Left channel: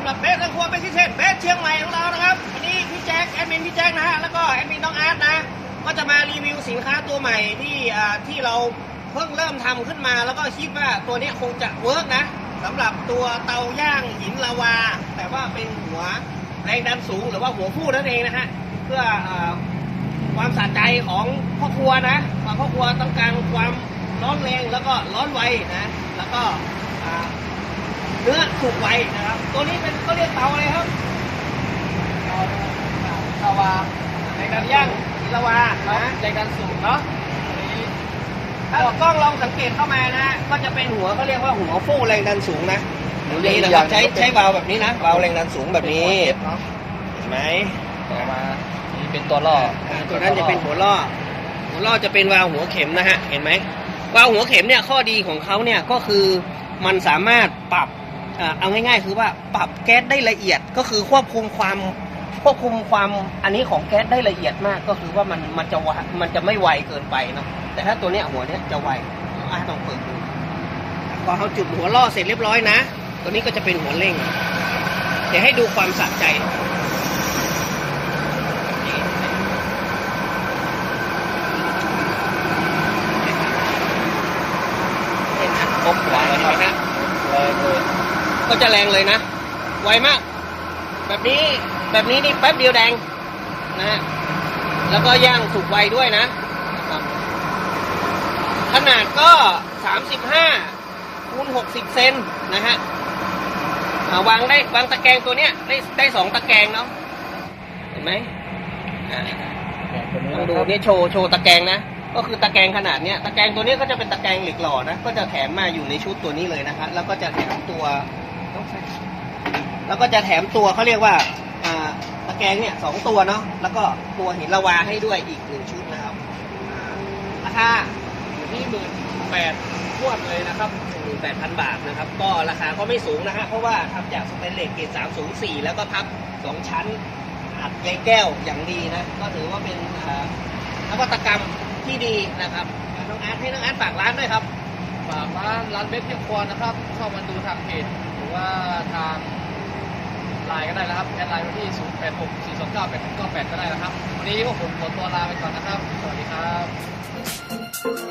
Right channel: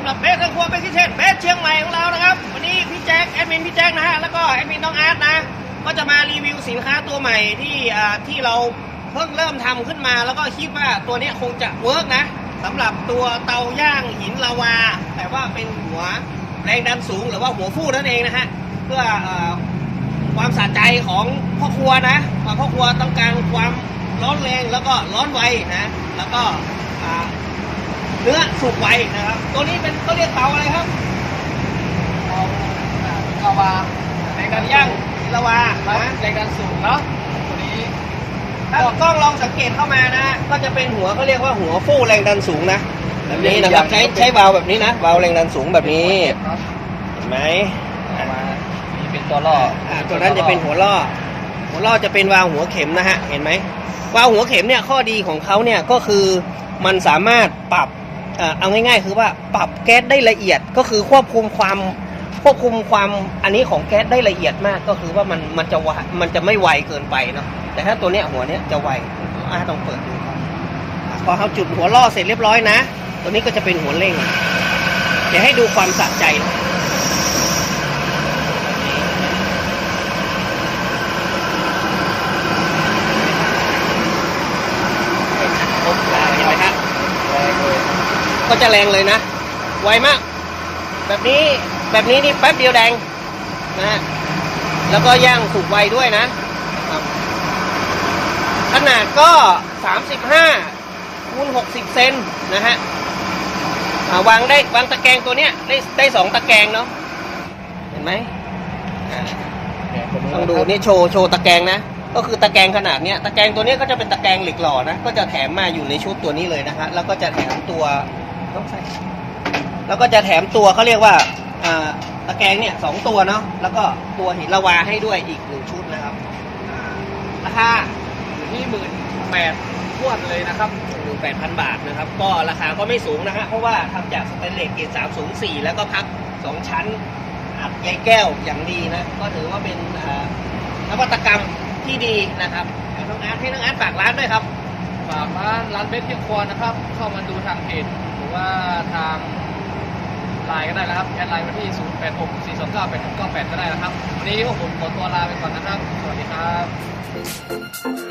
ำหรับเบสทางครัวเบสที่เช่นเบสเชียงใหม่ของเรานะครับ วันนี้พี่แจ็คแอดมินพี่แจ็คนะฮะแล้วก็แอดมินต้องอาร์ตนะก็จะมารีวิวสินค้าตัวใหม่ที่ที่เราเพิ่งเริ่มทำขึ้นมา แล้วก็คิดว่าตัวนี้คงจะเวิร์กนะสำหรับตัวเตาย่างหินลาวา แต่ว่าเป็นหัวแรงดันสูงหรือว่าหัวฟูนั่นเองนะฮะเพื่อความสะใจของพ่อครัวนะพ่อครัวต้องการความร้อนแรงแล้วก็ร้อนไวนะแล้วก็ เนื้อสุกไวนะครับ ตัวนี้เป็นเขาเรียกเตาอะไรครับเอาอ่าลาวาแรงดัเตานย่างสูงหินลาวาครับนะแรงดันสูงเนาะตัวนี้ถ้ากล้องลองสังเกตเข้ามานะก็จะเป็นหัวเขาเรียกว่าหัวฟูแรงดันสูงนะแบบนี้นะครับใช้ใช้วาล์วแบบนี้นะวาล์วแรงดันสูงแบบนี้ครับเห็นไหมลาวานี่เป็นตัวล่ออ่าตัวนั้นจะเป็นหัวล่อหัวล่อจะเป็นวาล์วหัวเข็มนะฮะเห็นไหมวาล์วหัวเข็มเนี่ยข้อดีของเขาเนี่ยก็คือมันสามารถปรับ เอ่อเอาง่ายๆ คือว่าปรับแก๊สได้ละเอียดก็คือควบคุมความควบคุมความอันนี้ของแก๊สได้ละเอียดมาก ก็คือว่ามันมันจะวะมันจะไม่ไวเกินไปเนาะแต่ถ้าตัวเนี้ยหัวเนี้ยจะไวอะต้องเปิดดูอะพอทำจุดหัวล่อเสร็จเรียบร้อยนะ ตัวนี้ก็จะเป็นหัวเร่ง เดี๋ยวให้ดูความสะใจ เห็นไหมครบไวเห็นไหมครับ ก็จะแรงเลยนะ ไวมาก แบบนี้แบบนี้นี่แป๊บเดียวแดงนะฮะแล้วก็ย่างสุกไวด้วยนะ ขนาดก็ 35คูณ60 เซนนะฮะอ่าวางได้วางตะแกรงตัวเนี้ยได้ได้สองตะแกรงเนาะเห็นไหมอ่าลองดูนี่โชว์โชว์ตะแกรงนะก็คือตะแกรงขนาดเนี้ยตะแกรงตัวนี้ก็จะเป็นตะแกรงเหล็กหล่อนะ ก็จะแถมมาอยู่ในชุดตัวนี้เลยนะฮะแล้วก็จะแถมตัว แล้วก็จะแถมตัวเขาเรียกว่าตะแกรงเนี่ยสองตัวเนาะแล้วก็ตัวหินละวาให้ด้วยอีกหนึ่งชุดนะครับราคาอยู่ที่หมื่นแปดทวนเลยนะครับหนึ่งแปดพันบาทนะครับ ก็ราคาก็ไม่สูงนะฮะเพราะว่าทำจากสเตนเลสเกรด304แล้วก็พับสองชั้นอัดใยแก้วอย่างดีนะ ก็ถือว่าเป็นนวัตกรรมที่ดีนะครับน้องอาร์ตให้น้องอาร์ตฝากร้านด้วยครับ ฝากร้านร้านเบสเพียงควรนะครับ เข้ามาดูทางเพจหรือว่าทางไลน์ก็ได้นะครับ แอดไลน์มาที่ 0 8 6 4 2 9 8 6 9 8 ก็ได้นะครับ วันนี้พวกผมขอตัวลาไปก่อนนะครับ สวัสดีครับ